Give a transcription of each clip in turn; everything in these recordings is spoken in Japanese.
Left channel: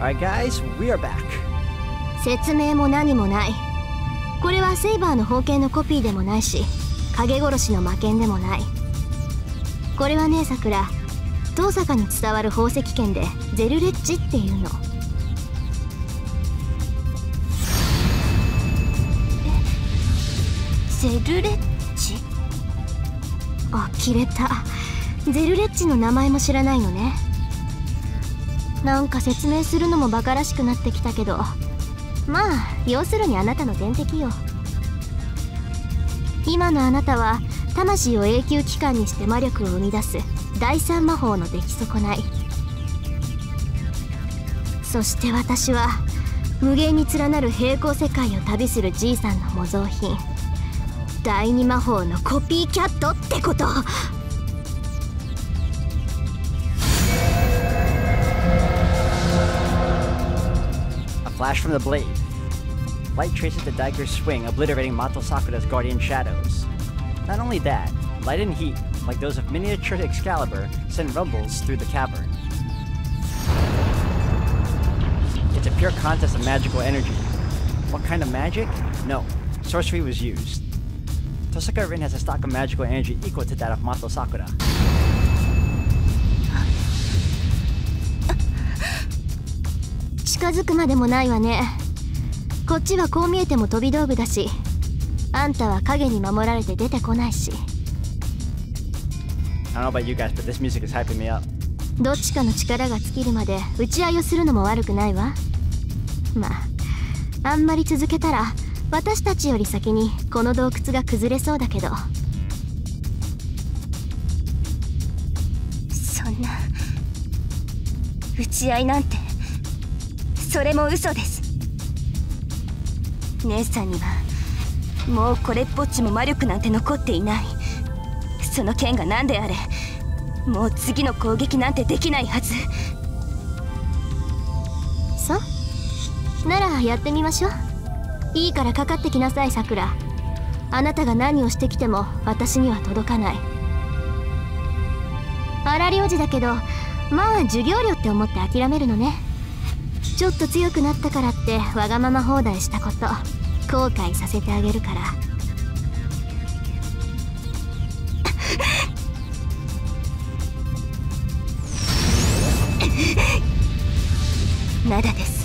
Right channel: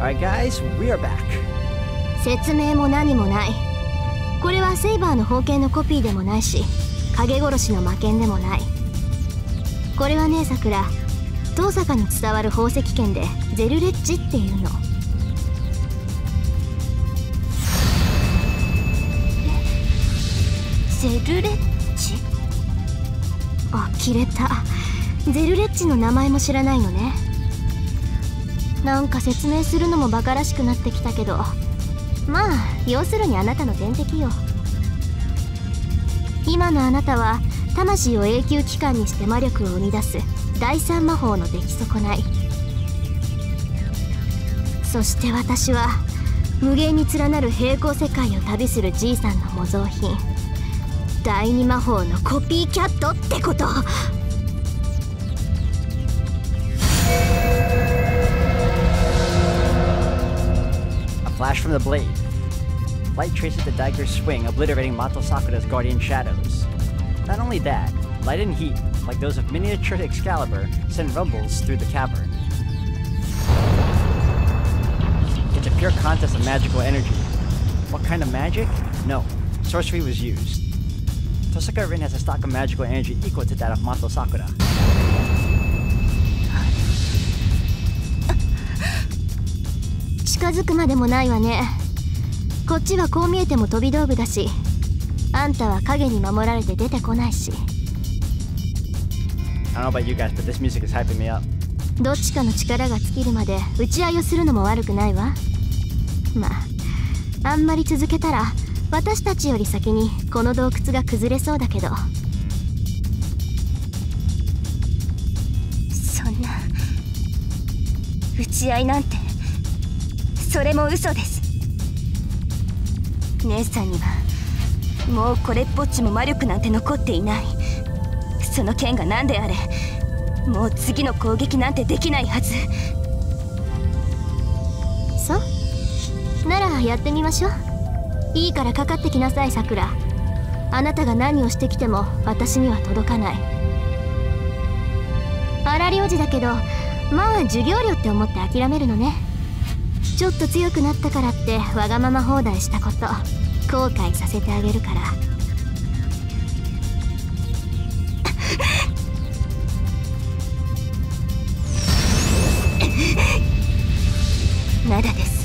Alright guys, we are back. 説明も何もない。これはセイバーの宝剣のコピーでもないし、影殺しの魔剣でもない。これはね、さくら、遠坂に伝わる宝石剣でゼルレッジっていうの。ゼルレッジ？あ、切れた。ゼルレッジの名前も知らないのね。なんか説明するのもバカらしくなってきたけど、まあ要するにあなたの天敵よ。今のあなたは魂を永久期間にして魔力を生み出す第三魔法の出来損ない。そして私は無限に連なる平行世界を旅するじいさんの模造品、第二魔法のコピーキャットってこと。Flash from the blade. Light traces the dagger's swing, obliterating Mato Sakura's guardian shadows. Not only that, light and heat, like those of miniature Excalibur, send rumbles through the cavern. It's a pure contest of magical energy. What kind of magic? No, sorcery was used. Tosaka Rin has a stock of magical energy equal to that of Mato Sakura.「近づくまでもないわね。こっちはこう見えても飛び道具だし、あんたは影に守られて出てこないし。I don't know about you guys, but this music is hyping me up. どっちかの力が尽きるまで打ち合いをするのも悪くないわ。まあ、あんまり続けたら私たちより先にこの洞窟が崩れそうだけど。そんな打ち合いなんて、それも嘘です。姉さんにはもうこれっぽっちも魔力なんて残っていない。その剣が何であれ、もう次の攻撃なんてできないはず。そうならやってみましょう。いいからかかってきなさい、さくら。あなたが何をしてきても私には届かない。荒療治だけど、まあ授業料って思って諦めるのね。ちょっと強くなったからってわがまま放題したこと後悔させてあげるから。まだです。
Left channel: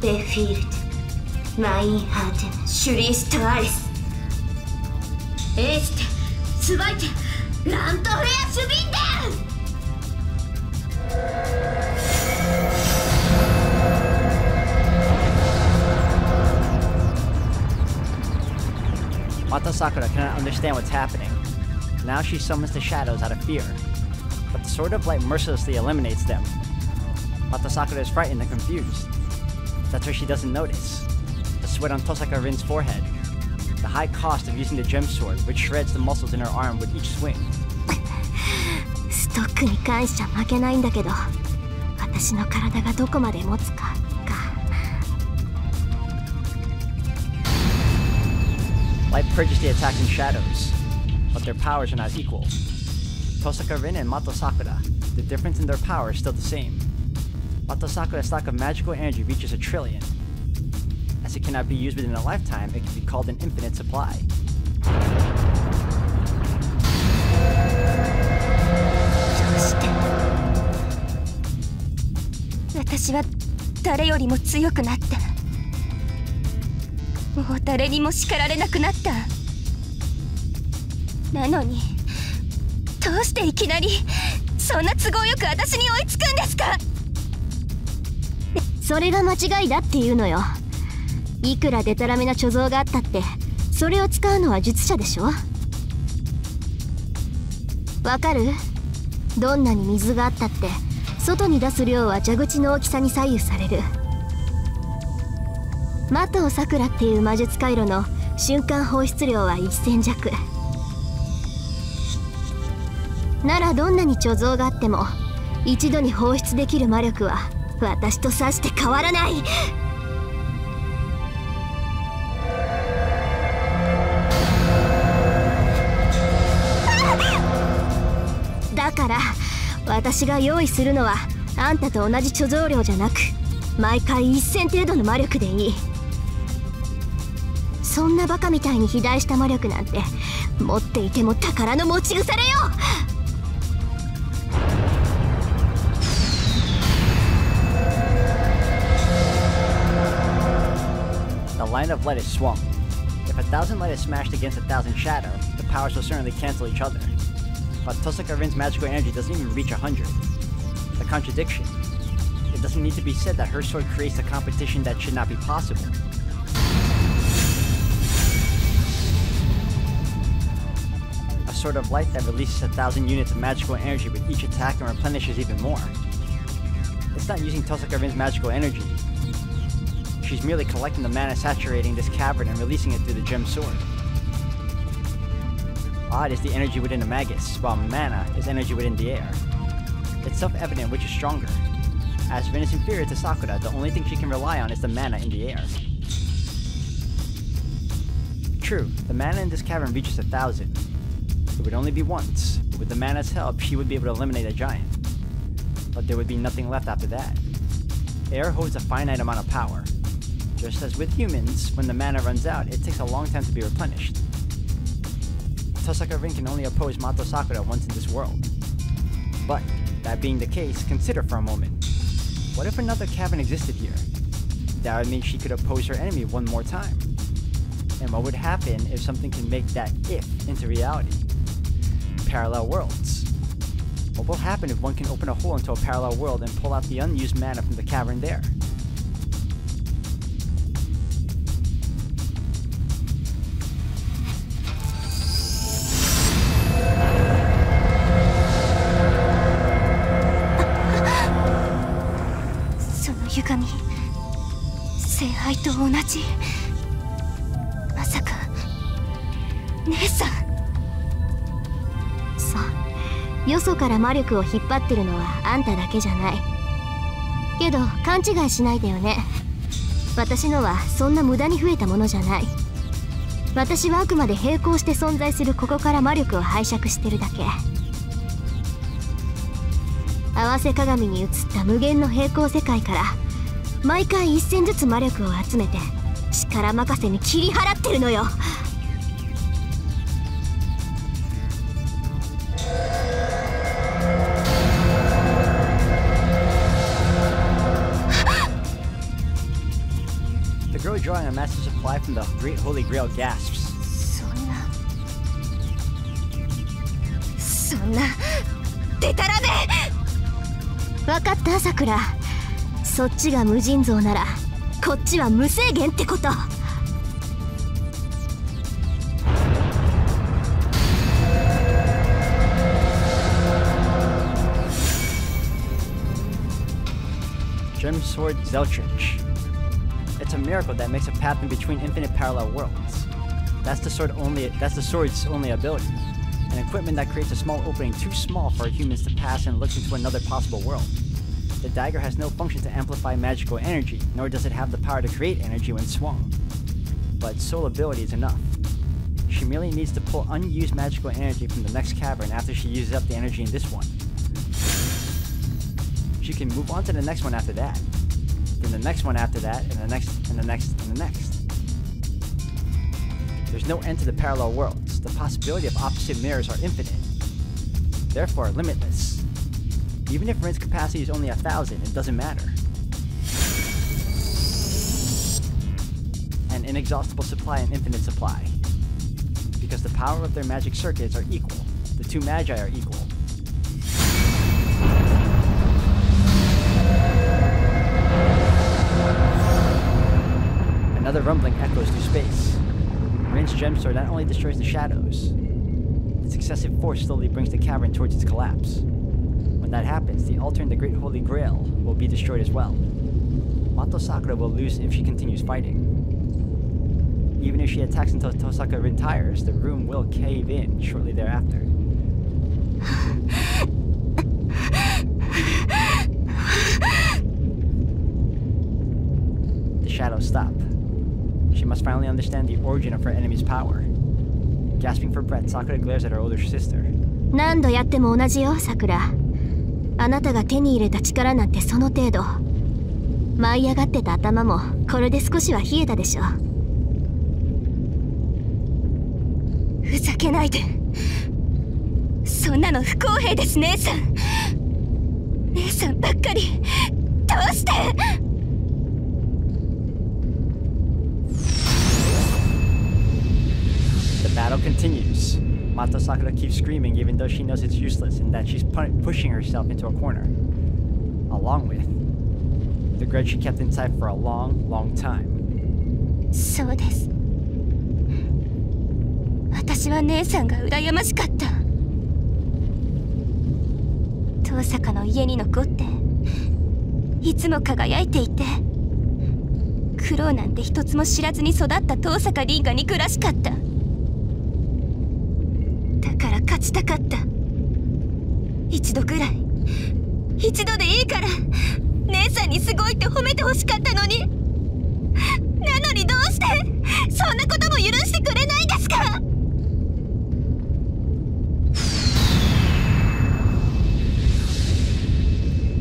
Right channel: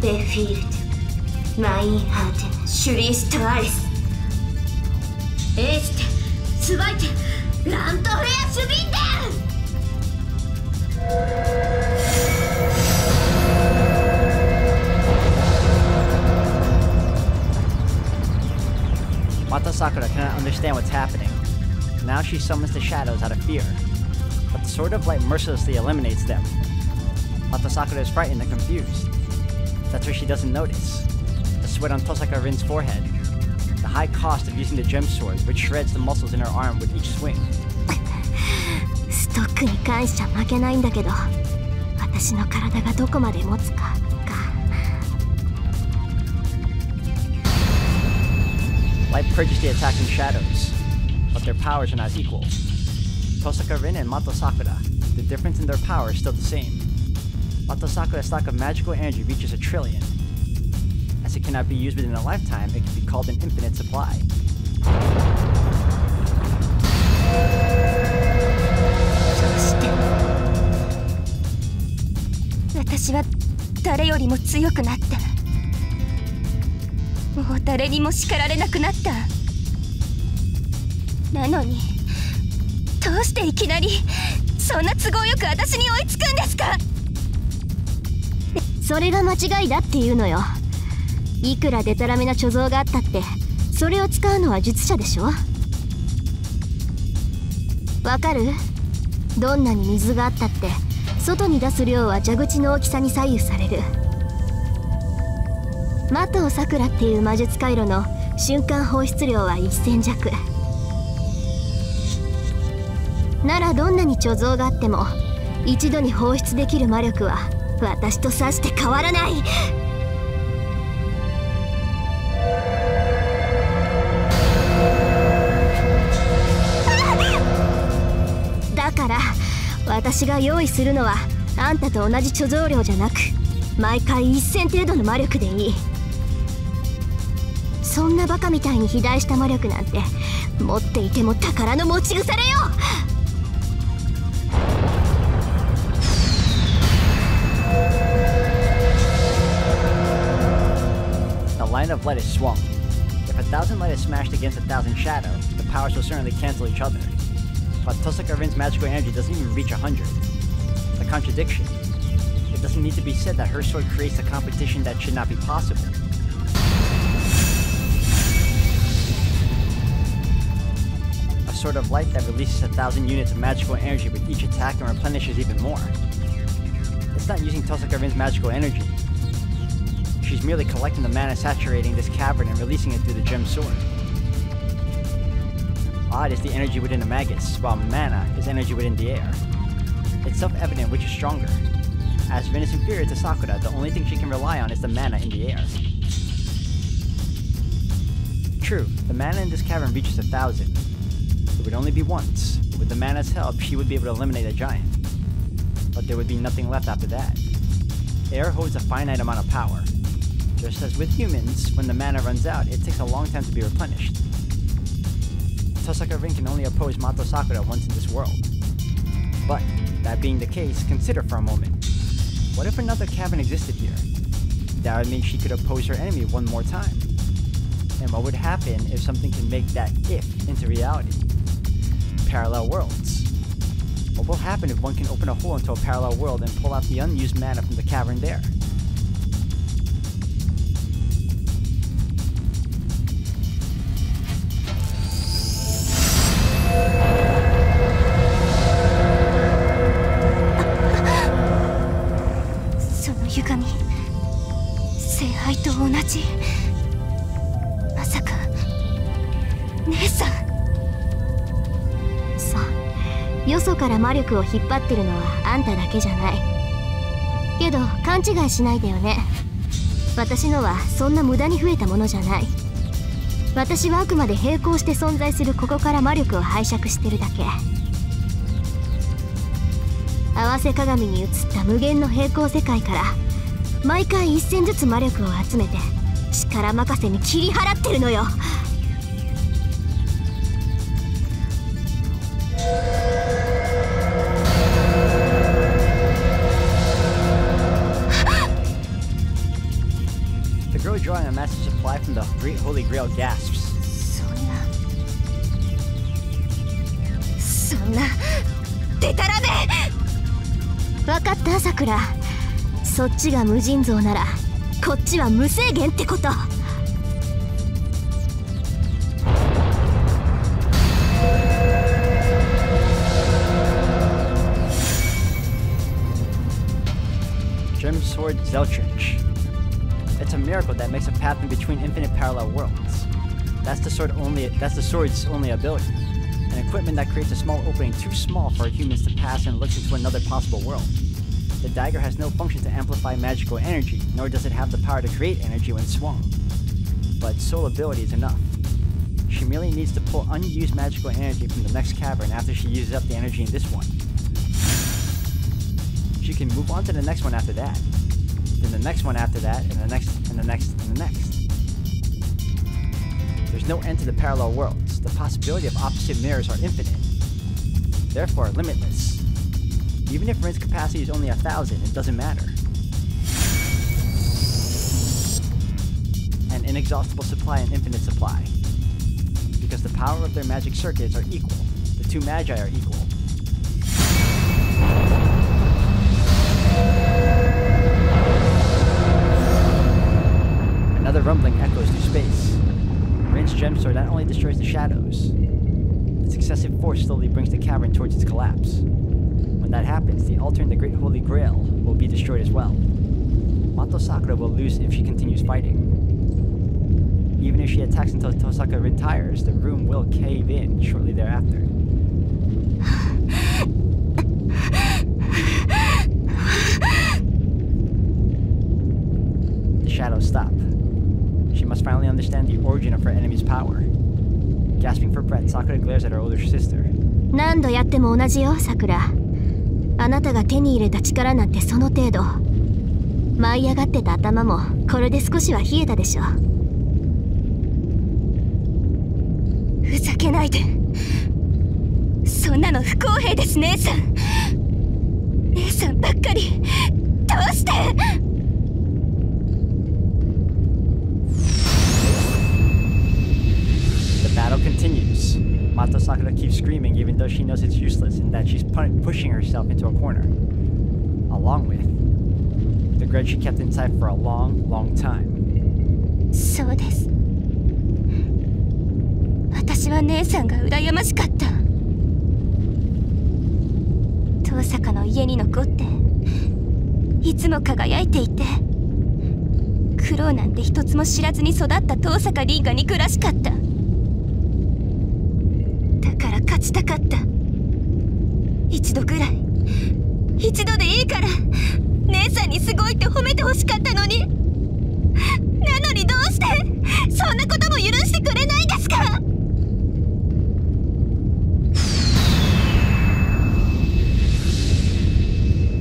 Befehlt, mein Harten, schließt alles. Este, zweite, Landtorher schwinden! Mato Sakura cannot understand what's happening. Now she summons the shadows out of fear. But the Sword of Light mercilessly eliminates them. Mato Sakura is frightened and confused. That's what she doesn't notice. The sweat on Tosaka Rin's forehead. The high cost of using the gem sword, which shreds the muscles in her arm with each swing. ストックに関しちゃ負けないんだけど、私の体がどこまで持つか。Light purges the attacking shadows, but their powers are not equal. Tosaka Rin and Mato Sakura, the difference in their power is still the same. Mato Sakura's stock of magical energy reaches 1 trillion. As it cannot be used within a lifetime, it can be called an infinite supply. どうして私は誰よりも強くなって、もう誰にも叱られなくなった。なのにどうしていきなりそんな都合よく私に追いつくんですか？それが間違いだっていうのよ。いくらデタラメな貯蔵があったって、それを使うのは術者でしょ。わかる？どんなに水があったって外に出す量は蛇口の大きさに左右される。マトウサクラっていう魔術回路の瞬間放出量は1000弱。ならどんなに貯蔵があっても一度に放出できる魔力は私とさして変わらない。だから私が用意するのはあんたと同じ貯蔵量じゃなく毎回1000程度の魔力でいい。そんなバカみたいに肥大した魔力なんて持っていても宝の持ち腐れよ。The line of light is swung. If 1,000 light is smashed against 1,000 shadow, the powers will certainly cancel each other. But Tosaka Rin's magical energy doesn't even reach 100. The contradiction. It doesn't need to be said that her sword creates a competition that should not be possible. A sword of light that releases 1,000 units of magical energy with each attack and replenishes even more. It's not using Tosaka Rin's magical energy. She's merely collecting the mana saturating this cavern and releasing it through the gem sword. Odd is the energy within a magus, while mana is energy within the air. It's self-evident which is stronger. As Rin is inferior to Sakura, the only thing she can rely on is the mana in the air. True, the mana in this cavern reaches 1,000. It would only be once. With the mana's help, she would be able to eliminate a giant. But there would be nothing left after that. Air holds a finite amount of power. Just as with humans, when the mana runs out, it takes a long time to be replenished. Tosaka Rin can only oppose Mato Sakura once in this world. But, that being the case, consider for a moment. What if another cavern existed here? That would mean she could oppose her enemy one more time. And what would happen if something can make that if into reality? Parallel worlds. What will happen if one can open a hole into a parallel world and pull out the unused mana from the cavern there?歪み、聖杯と同じ。まさか姉さん。さあ、よそから魔力を引っ張ってるのはあんただけじゃない。けど勘違いしないでよね。私のはそんな無駄に増えたものじゃない。私はあくまで並行して存在するここから魔力を拝借してるだけ。合わせ鏡に映った無限の平行世界から毎回1000ずつ魔力を集めて力任せに切り払ってるのよ。The girl drawing a massive supply from the Great Holy Grail gasps. そんなデタラメ。分かったさくら。そっちが無尽蔵ならこっちは無制限ってこと。Gem Sword Zeltrich. It's a miracle that makes a path in between infinite parallel worlds. That's the sword's only ability. An equipment that creates a small opening too small for humans to pass and looks into another possible world. The dagger has no function to amplify magical energy, nor does it have the power to create energy when swung. But soul ability is enough. She merely needs to pull unused magical energy from the next cavern after she uses up the energy in this one. She can move on to the next one after that, then the next one after that, and the next, and the next, and the next. There's no end to the parallel worlds. The possibility of opposite mirrors are infinite, therefore limitless. Even if Rin's capacity is only 1,000, it doesn't matter. An inexhaustible supply and infinite supply. Because the power of their magic circuits are equal. The two magi are equal. Another rumbling echoes through space. Rin's gem sword not only destroys the shadows, its excessive force slowly brings the cavern towards its collapse. When that happens, the altar in the Great Holy Grail will be destroyed as well. Mato Sakura will lose if she continues fighting. Even if she attacks until Tosaka Rin tires, the room will cave in shortly thereafter. The shadows stop. She must finally understand the origin of her enemy's power. Gasping for breath, Sakura glares at her older sister. 何度やっても同じよ、さくら。あなたが手に入れた力なんてその程度。舞い上がってた頭もこれで少しは冷えたでしょ。ふざけないで。そんなの不公平です、姉さん。姉さんばっかりどうして。The battle continues. Mato Sakura keeps screaming even though she knows it's useless and that she's pushing herself into a corner. Along with the grudge she kept inside for a long, long time. そうです。私は姉さんが羨ましかった。遠坂の家に残っていつも輝いていて、苦労なんて一つも知らずに育った遠坂凛が憎らしかった。だから勝ちたかった。一度ぐらい、一度でいいから姉さんにすごいって褒めてほしかったのに。なのにどうしてそんなことも許してくれないんですか。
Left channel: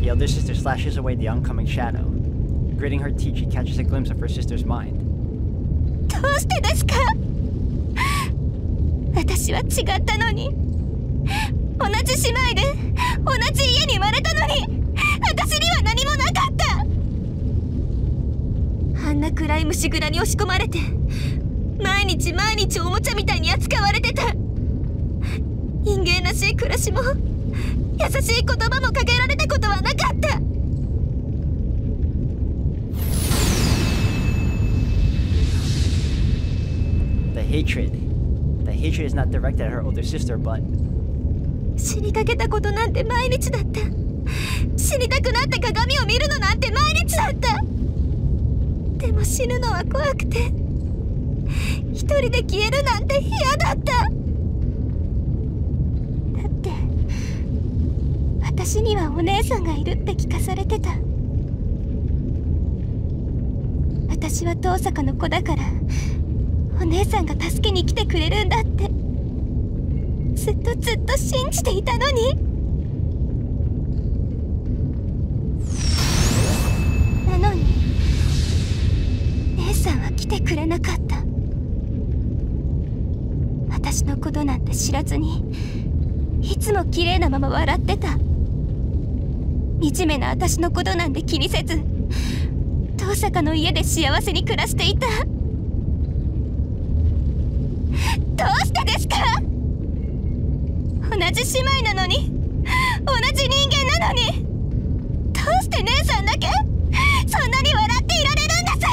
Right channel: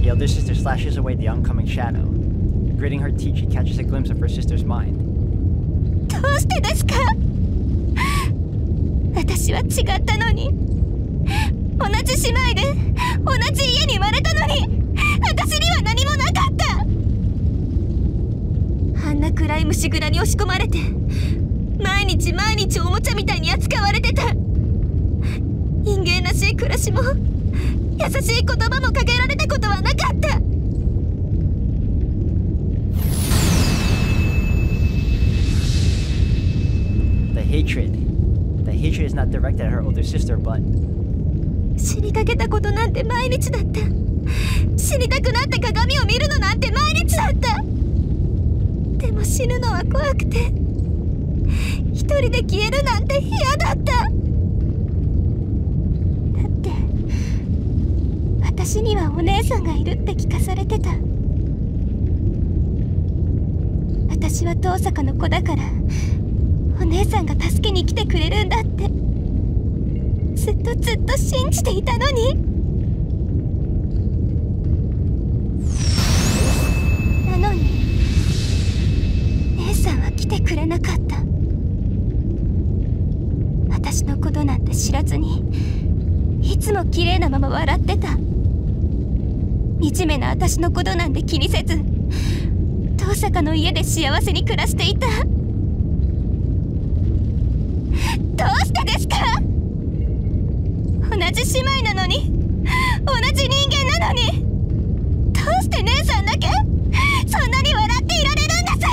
The elder sister slashes away the oncoming shadow. Gritting her teeth, she catches a glimpse of her sister's mind. どうしてですか。私は違ったのに。同じ姉妹で同じ家に生まれたのに私には何もなかった。あんな暗い虫蔵に押し込まれて毎日毎日おもちゃみたいに扱われてた。人間らしい暮らしも優しい言葉もかけられたことはなかった。The hatred is not directed at her older sister, but 死にかけたことなんて毎日だった。死にたくなって鏡を見るのなんて毎日だった。でも死ぬのは怖くて一人で消えるなんて嫌だった。だって私にはお姉さんがいるって聞かされてた。私は遠坂の子だからお姉さんが助けに来てくれるんだってずっと信じていたのに。なのに姉さんは来てくれなかった。私のことなんて知らずにいつも綺麗なまま笑ってた。惨めな私のことなんて気にせず遠坂の家で幸せに暮らしていた。どうしてですか。同じ姉妹なのに同じ人間なのにどうして姉さんだけそんなに笑っていられるんで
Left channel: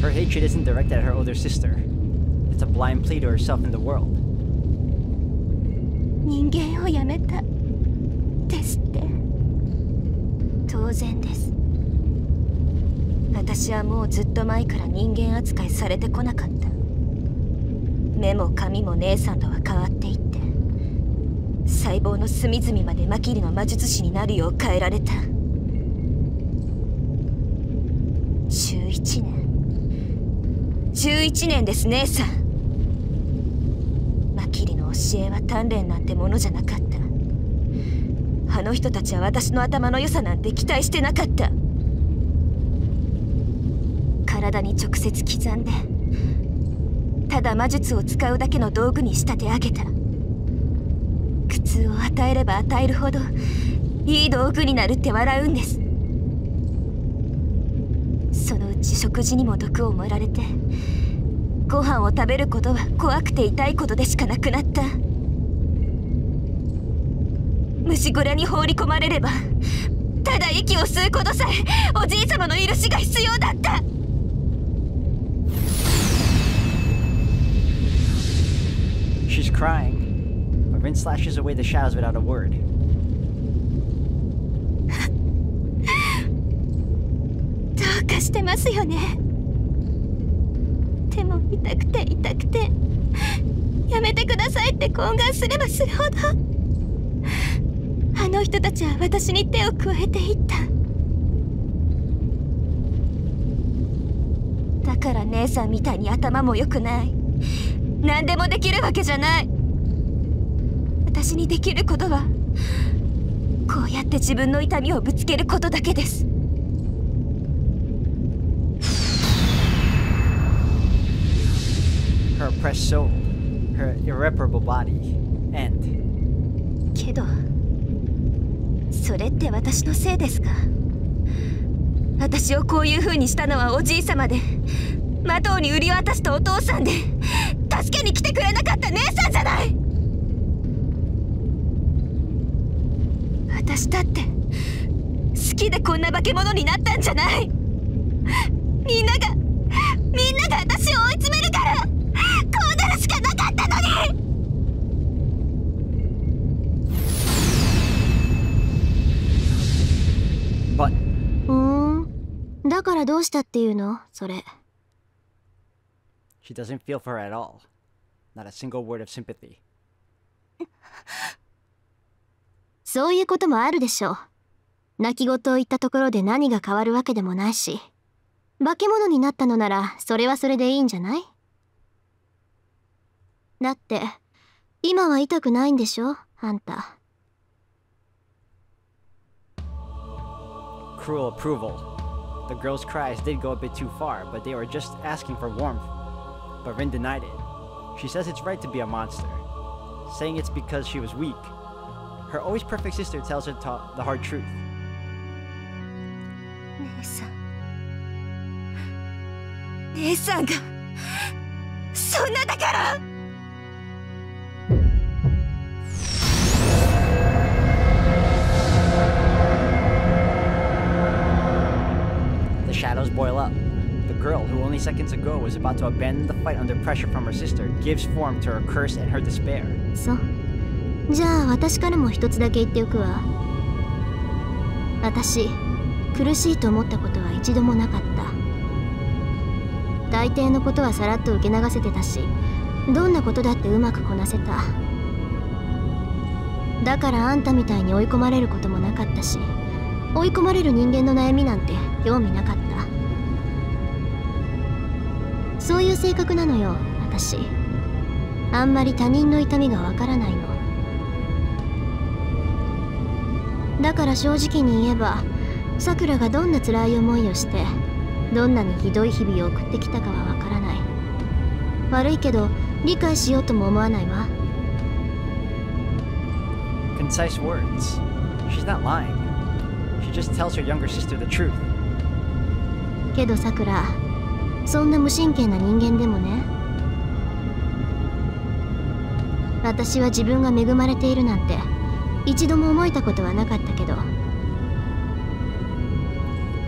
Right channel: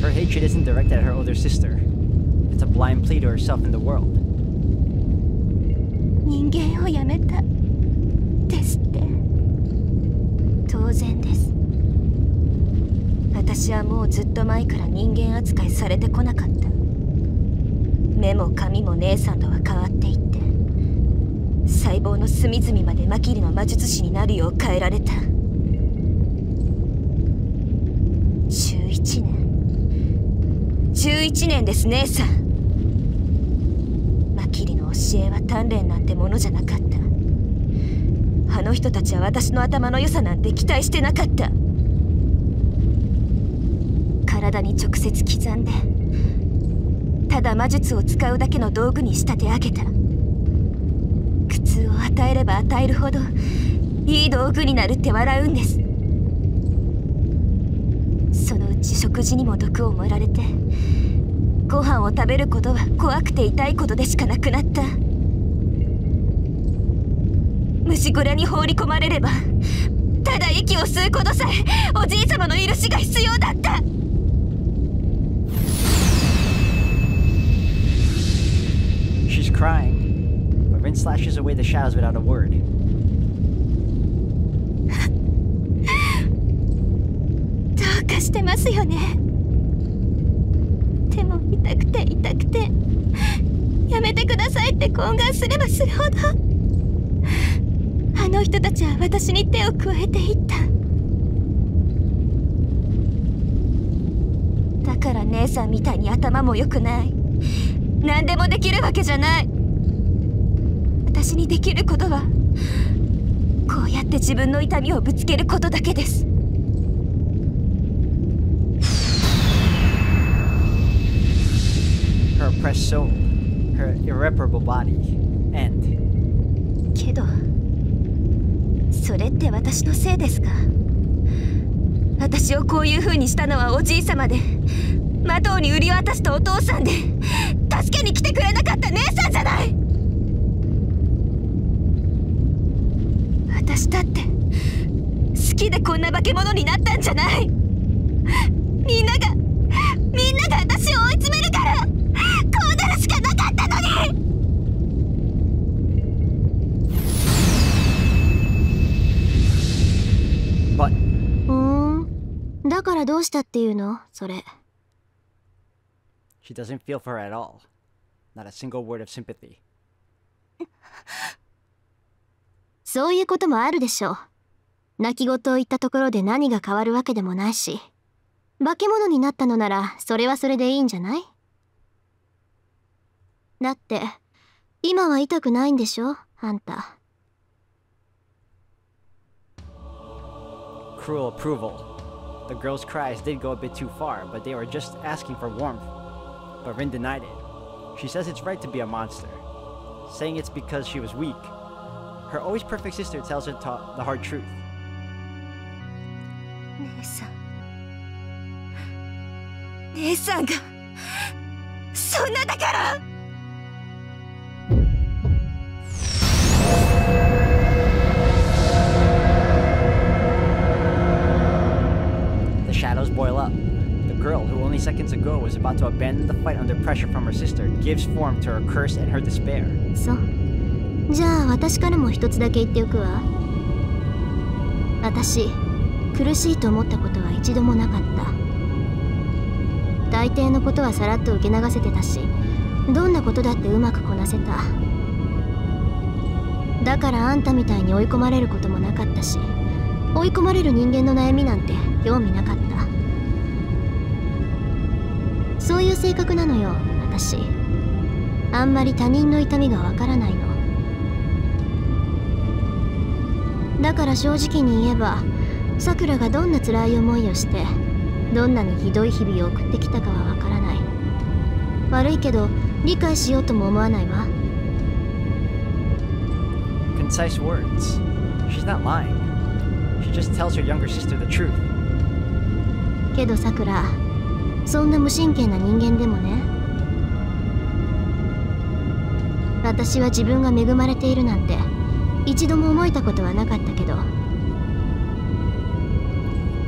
す。 her hatred isn't directed at her older sister. It's a blind plea to herself and the world. 人間をやめたですって。当然です。私はもうずっと前から人間扱いされてこなかった。目も髪も姉さんとは変わっていって細胞の隅々までマキリの魔術師になるよう変えられた。11年です姉さん。マキリの教えは鍛錬なんてものじゃなかった。あの人たちは私の頭の良さなんて期待してなかった。体に直接刻んでただ魔術を使うだけの道具に仕立て上げた。苦痛を与えれば与えるほどいい道具になるって笑うんです。そのうち食事にも毒を盛られてご飯を食べることは怖くて痛いことでしかなくなった。虫小屋に放り込まれればただ息を吸うことさえおじい様の許しが必要だった。She's crying, but Rin slashes away the shadows without a word. どうかしてますよね。でも痛くて痛くてやめてくださいって懇願すればするほどあの人たちは私に手を加えていった。だから姉さんみたいに頭も良くない、何でもできるわけじゃない。私にできることはこうやって自分の痛みをぶつけることだけです。Her oppressed soul, her irreparable body, end. けどそれって私のせいですか？私をこういう風にしたのはおじいさまで、マトウに売り渡したお父さんで、助けに来てくれなかった姉さんじゃない。私だって好きでこんな化け物になったんじゃない。みんなが私を追い詰めるからこうなるしかなかったのに。だからどうしたっていうのそれ。 She doesn't feel for her at all. Not a single word of sympathy. そういうこともあるでしょう。泣き言を言ったところで何が変わるわけでもないし、化け物になったのならそれはそれでいいんじゃない？だって今は痛くないんでしょあんた。 Cruel approval. The girl's cries did go a bit too far, but they were just asking for warmth. But Rin denied it. She says it's right to be a monster, saying it's because she was weak. Her always perfect sister tells her the hard truth. 姉さんがそんなだから。The shadows boil up. The girl, who only seconds ago was about to abandon the fight under pressure from her sister, gives form to her curse and her despair. そう。じゃあ私からも一つだけ言っておくわ。私、苦しいと思ったことは一度もなかった。大抵のことはさらっと受け流せてたし、どんなことだってうまくこなせた。だからあんたみたいに追い込まれることもなかったし、追い込まれる人間の悩みなんて興味なかった。そういう性格なのよ私。あんまり他人の痛みがわからないの。だから正直に言えば、さくらがどんな辛い思いをしてどんなにひどい日々を送ってきたかはわからない。悪いけど理解しようとも思わないわ。 Concise words. She's not lying. She just tells her younger sister the truth. けどさくら、そんな無神経な人間でもね、私は自分が恵まれているなんて一度も思えたことはなかったけど。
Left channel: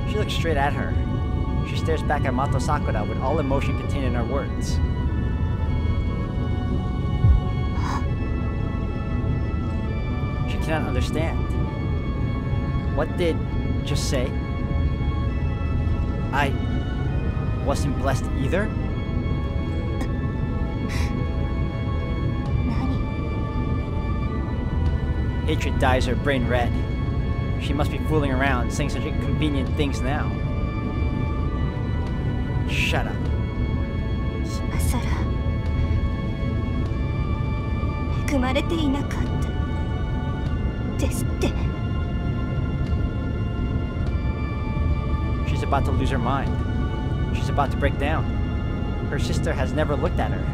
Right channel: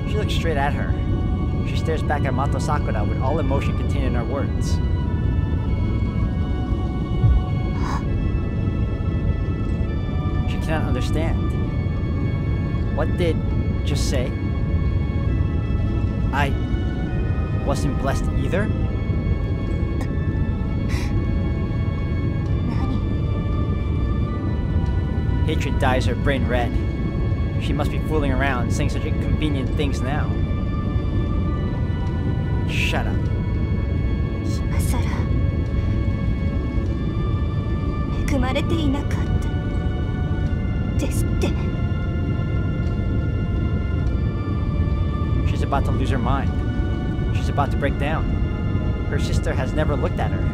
She looks straight at her. She stares back at Mato Sakura with all emotion contained in her words. She cannot understand. What did just say? I wasn't blessed either? 何？ Hatred dyes her brain red. She must be fooling around, saying such inconvenient things now. Shut up. 今さら恵まれていなかったですって。 She's about to lose her mind. She's about to break down. Her sister has never looked at her.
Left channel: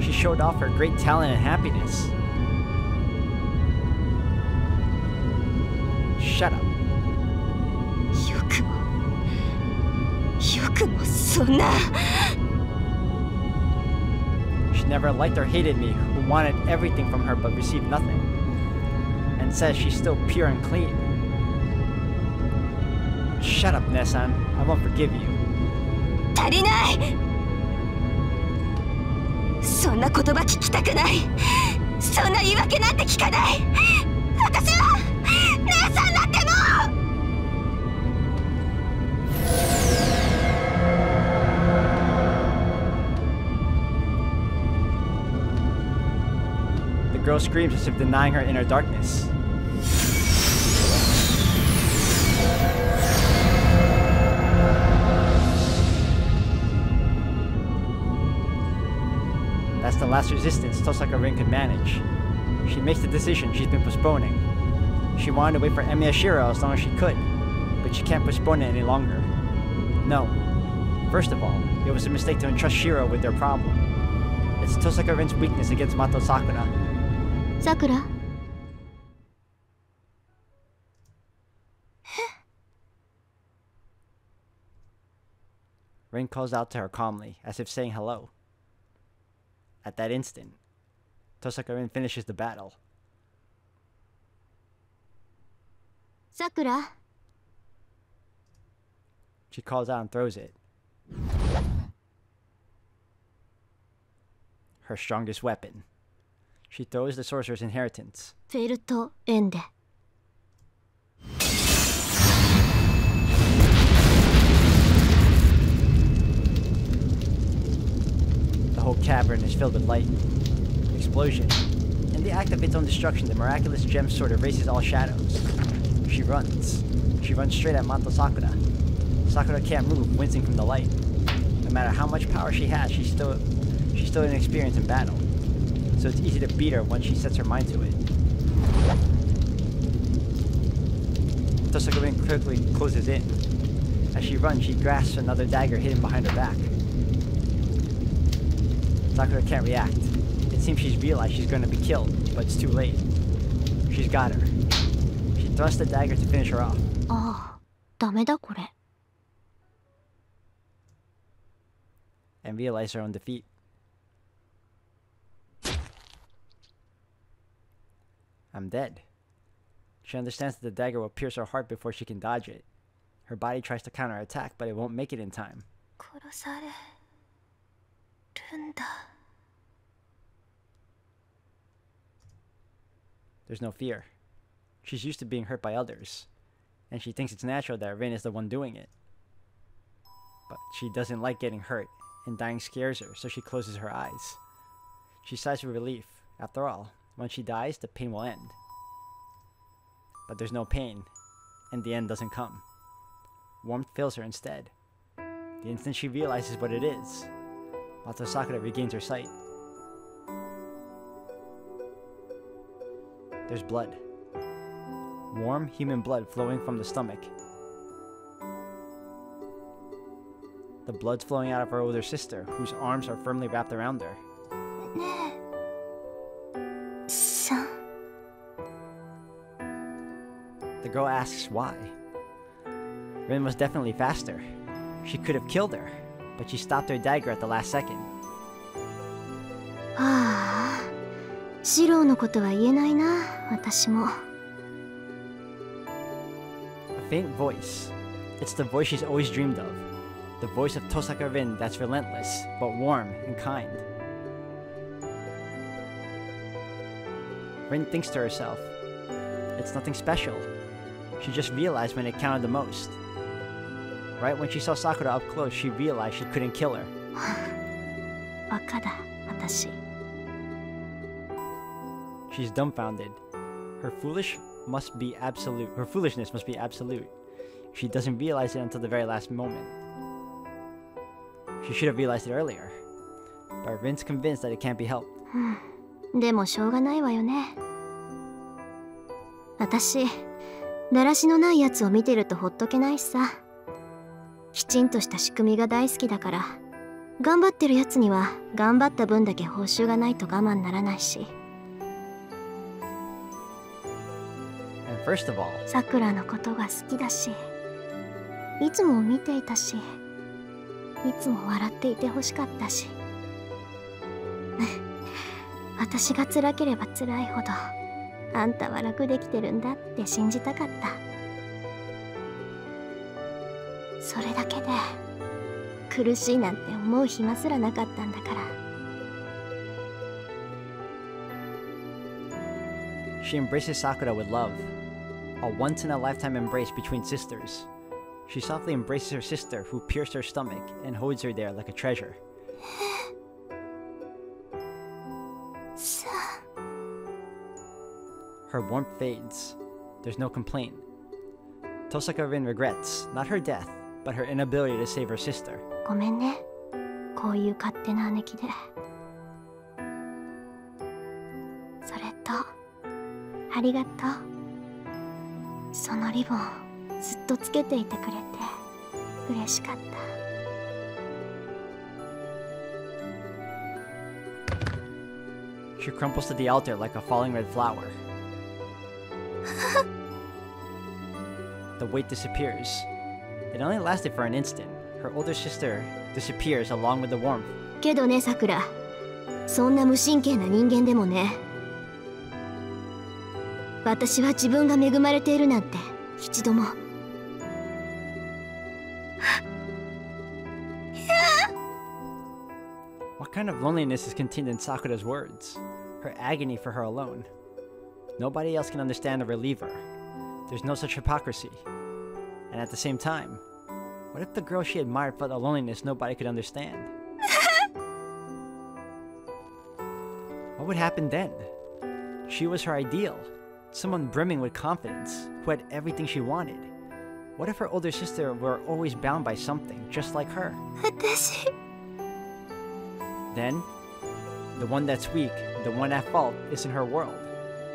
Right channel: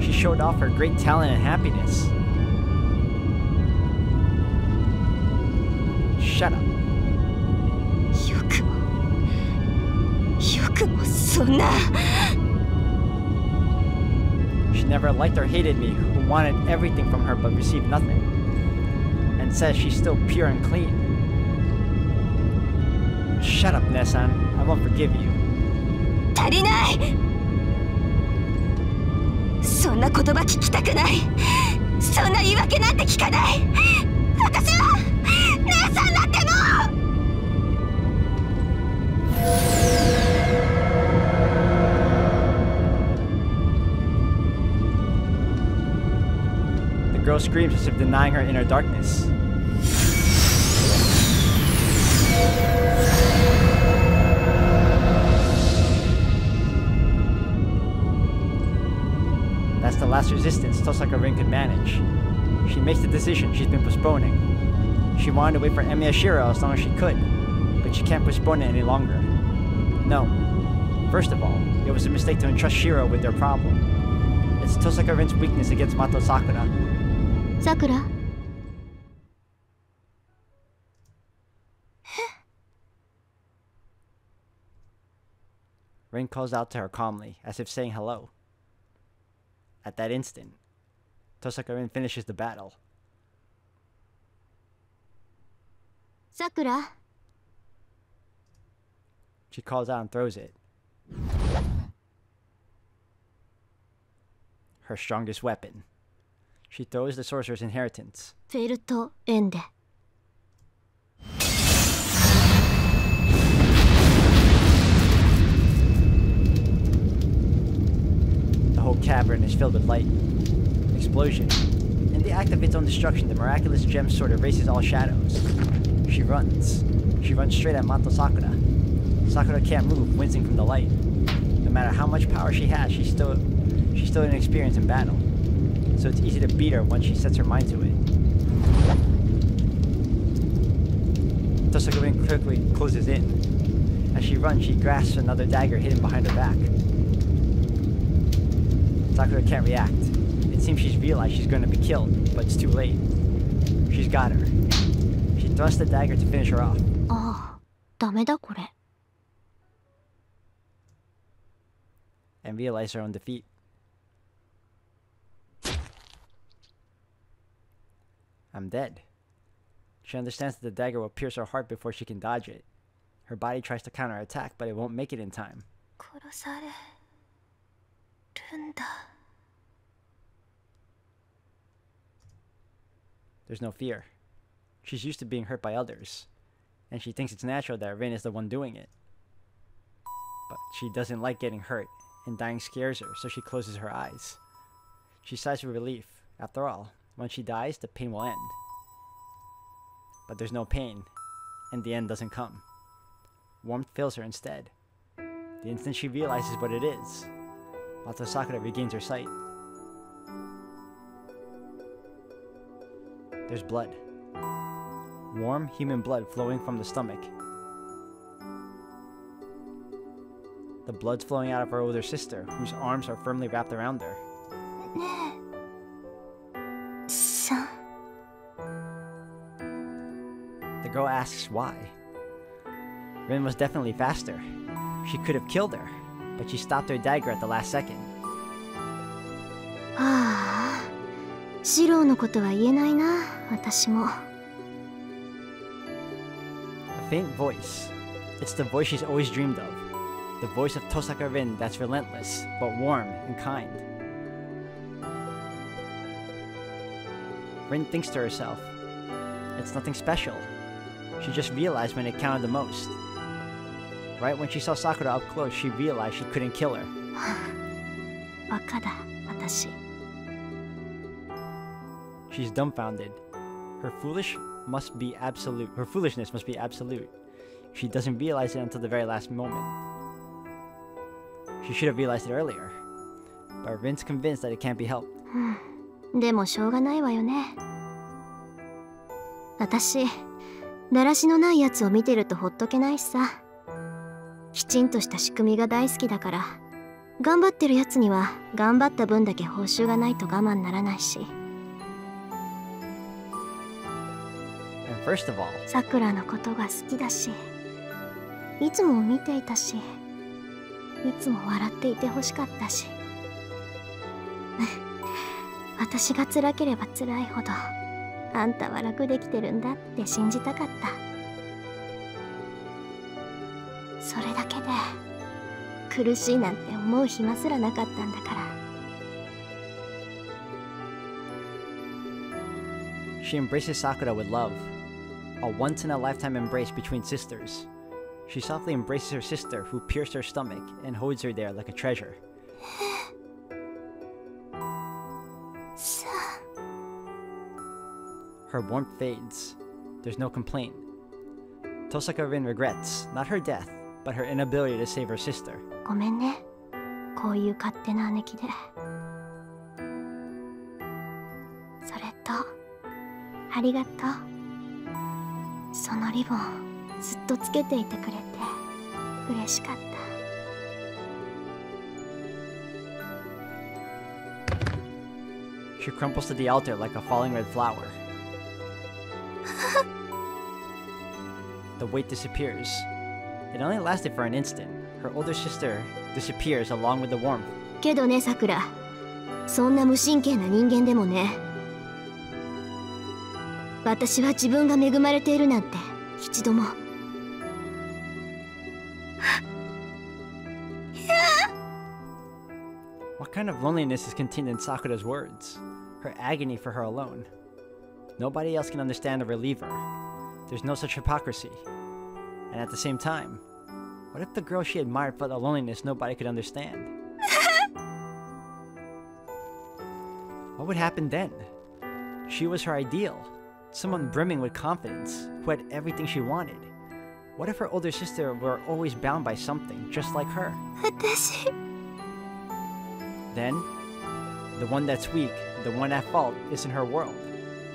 She showed off her great talent and happiness. Shut up. よくもそんな。 She never liked or hated me, who wanted everything from her but received nothing, and says she's still pure and clean. Shut up, Nesan. I won't forgive you. 足りない。そんな言葉聞きたくない。そんな言い訳なんて聞かない。私は姉さんだってもう。 The girl screams as if denying her inner darkness. That's the last resistance Tosaka Rin could manage. She makes the decision she's been postponing. She wanted to wait for Emiyashiro as long as she could, but she can't postpone it any longer. No. First of all, it was a mistake to entrust Shiro with their problem. It's Tosaka Rin's weakness against Mato Sakura. Sakura? Rin calls out to her calmly, as if saying hello. At that instant, Tosaka Rin finishes the battle. Sakura? She calls out and throws it. Her strongest weapon. She throws the sorcerer's inheritance. フェルトエンデ。The whole cavern is filled with light. Explosion. In the act of its own destruction, the miraculous gem sword erases all shadows. She runs. She runs straight at Mato Sakura. Sakura can't move, wincing from the light. No matter how much power she has, she's still inexperienced in battle. So it's easy to beat her once she sets her mind to it. Tosaka Rin quickly closes in. As she runs, she grasps another dagger hidden behind her back. Sakura can't react. It seems she's realized she's going to be killed, but it's too late. She's got her. She thrusts the dagger to finish her off. ああ、ダメだこれ。And realize her own defeat. I'm dead. She understands that the dagger will pierce her heart before she can dodge it. Her body tries to counterattack, but it won't make it in time. 殺されるんだ。There's no fear. She's used to being hurt by others, and she thinks it's natural that Rin is the one doing it. But she doesn't like getting hurt, and dying scares her, so she closes her eyes. She sighs with relief. After all, when she dies, the pain will end. But there's no pain, and the end doesn't come. Warmth fills her instead. The instant she realizes what it is, Mato Sakura regains her sight. There's blood. Warm, human blood flowing from the stomach. The blood's flowing out of her older sister, whose arms are firmly wrapped around her. ねえ。さん。The girl asks why. Rin was definitely faster. She could have killed her, but she stopped her dagger at the last second. ああ、シローのことは言えないな、私も。A faint voice. It's the voice she's always dreamed of. The voice of Tosaka Rin that's relentless, but warm and kind. Rin thinks to herself, it's nothing special. She just realized when it counted the most. Right when she saw Sakura up close, she realized she couldn't kill her. バカだ、私。She's dumbfounded. Her foolishness must be absolute. She doesn't realize it until the very last moment. She should have realized it earlier. But Rin's convinced that it can't be helped. でもしょうがないわよね。私、だらしのないやつを見てるとほっとけないしさ。きちんとした仕組みが大好きだから、頑張ってるやつには頑張った分だけ報酬がないと我慢ならないし。And first of all, さくらのことが好きだし、いつも見ていたし、いつも笑っていてほしかったし。私が辛ければ辛いほど、あんたは楽できてるんだって信じたかった。それだけで苦しいなんて思う暇すらなかったんだから。she embraces Sakura with love. A once-in-a-lifetime embrace between sisters. She softly embraces her sister, who pierced her stomach, and holds her there like a treasure. Her warmth fades. There's no complaint. Tosaka Rin regrets, not her death, but her inability to save her sister. ごめんね、こういう勝手な姉貴で。それとありがとう。そのリボンずっとつけていてくれて嬉しかった。She crumples to the altar like a falling red flower. The weight disappears. It only lasted for an instant. Her older sister disappears along with the warmth. けどね、さくら。そんな無神経な人間でもね。私は自分が恵まれているなんて一度も。What kind of loneliness is contained in Sakura's words? Her agony for her alone. Nobody else can understand or relieve her. There's no such hypocrisy. And at the same time, what if the girl she admired felt a loneliness nobody could understand? What would happen then? She was her ideal, someone brimming with confidence, who had everything she wanted. What if her older sister were always bound by something, just like her? 私。Then, the one that's weak, the one at fault, isn't her world,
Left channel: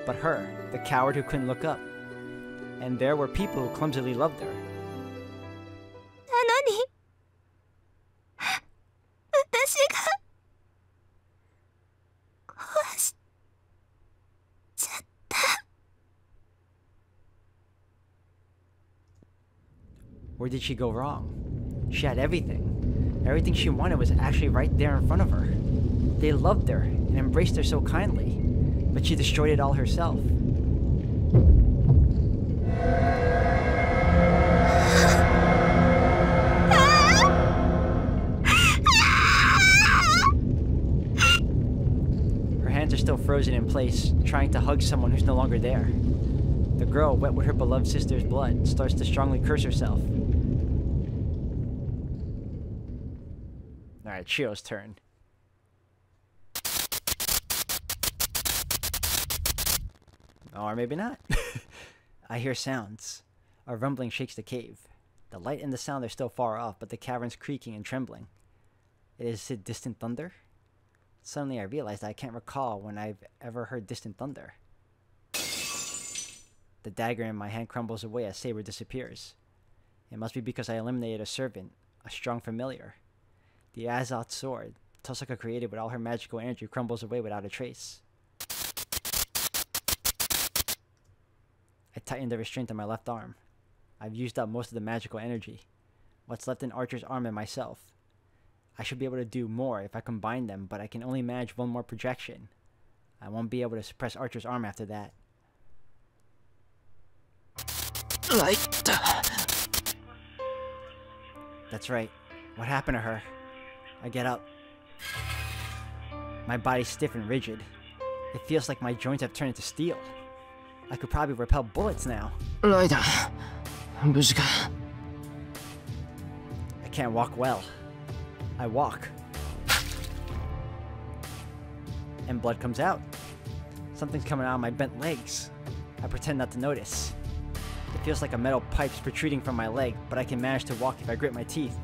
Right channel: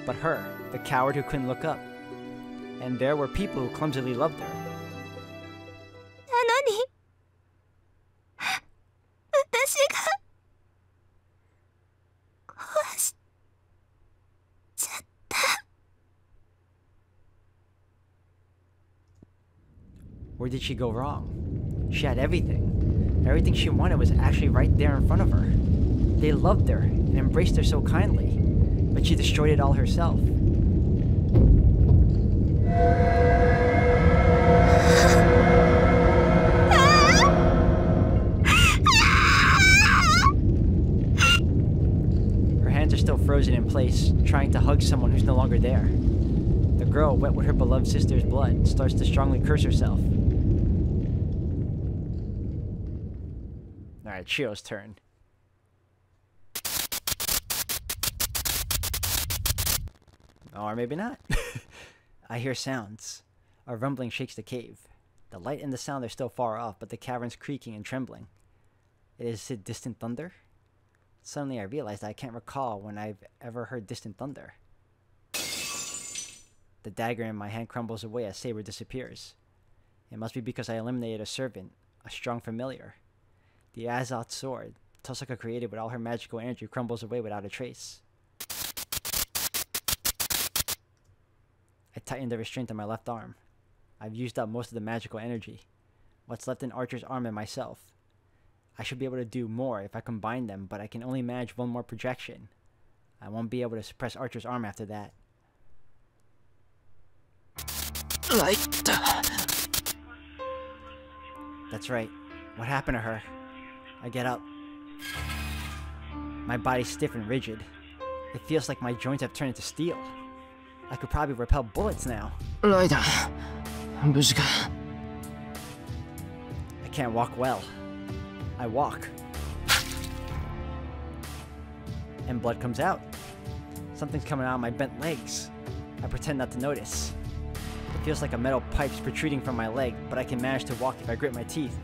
but her, the coward who couldn't look up. And there were people who clumsily loved her. なのに、私が壊しちゃった。Where did she go wrong? She had everything. Everything she wanted was actually right there in front of her. They loved her and embraced her so kindly, but she destroyed it all herself. Her hands are still frozen in place, trying to hug someone who's no longer there. The girl, wet with her beloved sister's blood, starts to strongly curse herself. Alright, Chio's turn. Or maybe not. I hear sounds. A rumbling shakes the cave. The light and the sound are still far off, but the cavern's creaking and trembling. Is it distant thunder? Suddenly I realize that I can't recall when I've ever heard distant thunder. The dagger in my hand crumbles away as Saber disappears. It must be because I eliminated a servant, a strong familiar. The Azoth sword, Tosaka created with all her magical energy, crumbles away without a trace. I tighten the restraint on my left arm. I've used up most of the magical energy. What's left in Archer's arm and myself. I should be able to do more if I combine them, but I can only manage one more projection. I won't be able to suppress Archer's arm after that. That's right. What happened to her? I get up. My body's stiff and rigid. It feels like my joints have turned into steel. I could probably repel bullets now. I can't walk well. I walk. And blood comes out. Something's coming out of my bent legs. I pretend not to notice. It feels like a metal pipe's protruding from my leg, but I can manage to walk if I grit my teeth.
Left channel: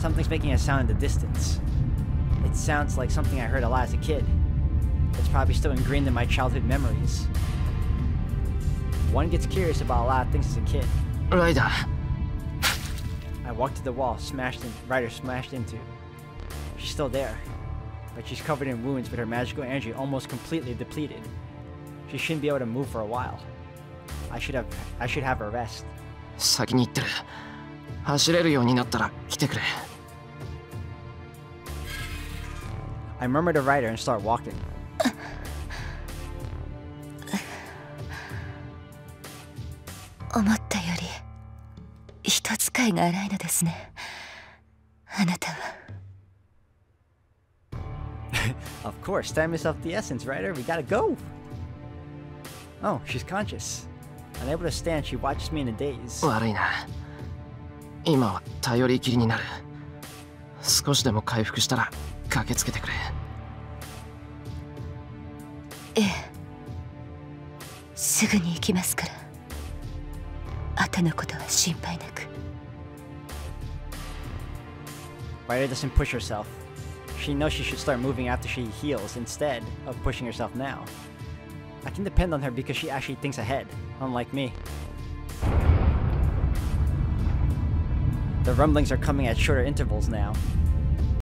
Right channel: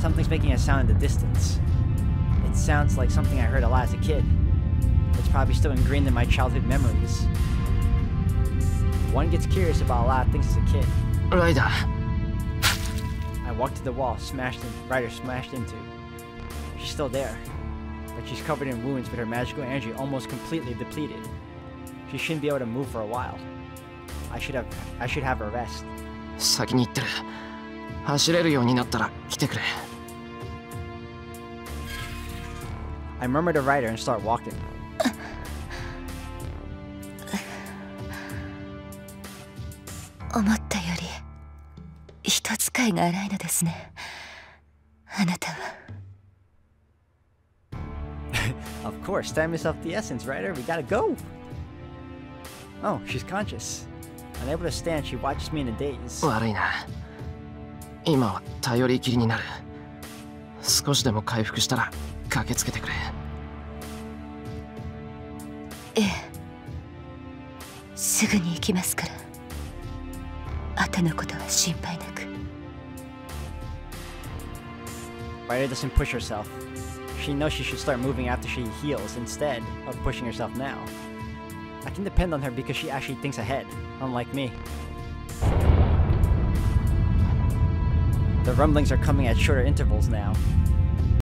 Something's making a sound in the distance. It sounds like something I heard a lot as a kid. It's probably still ingrained in my childhood memories. One gets curious about a lot of things as a kid. I walk to the wall, Ryder smashed into. She's still there, but she's covered in wounds with her magical energy almost completely depleted. She shouldn't be able to move for a while. I should have her rest. I murmur to Ryder and start walking. 思ったより人使いが荒いのですね。あなたは。Of course, time is of the essence, Ryder. We gotta go. Oh, she's conscious. Unable to stand, she watches me in a daze. 悪いな。今は頼りきりになる。少しでも回復したら駆けつけてくれ。ええ。すぐに行きますから。後のことは心配なく。Ryder doesn't push herself. She knows she should start moving after she heals instead of pushing herself now. I can depend on her because she actually thinks ahead, unlike me. The rumblings are coming at shorter intervals now.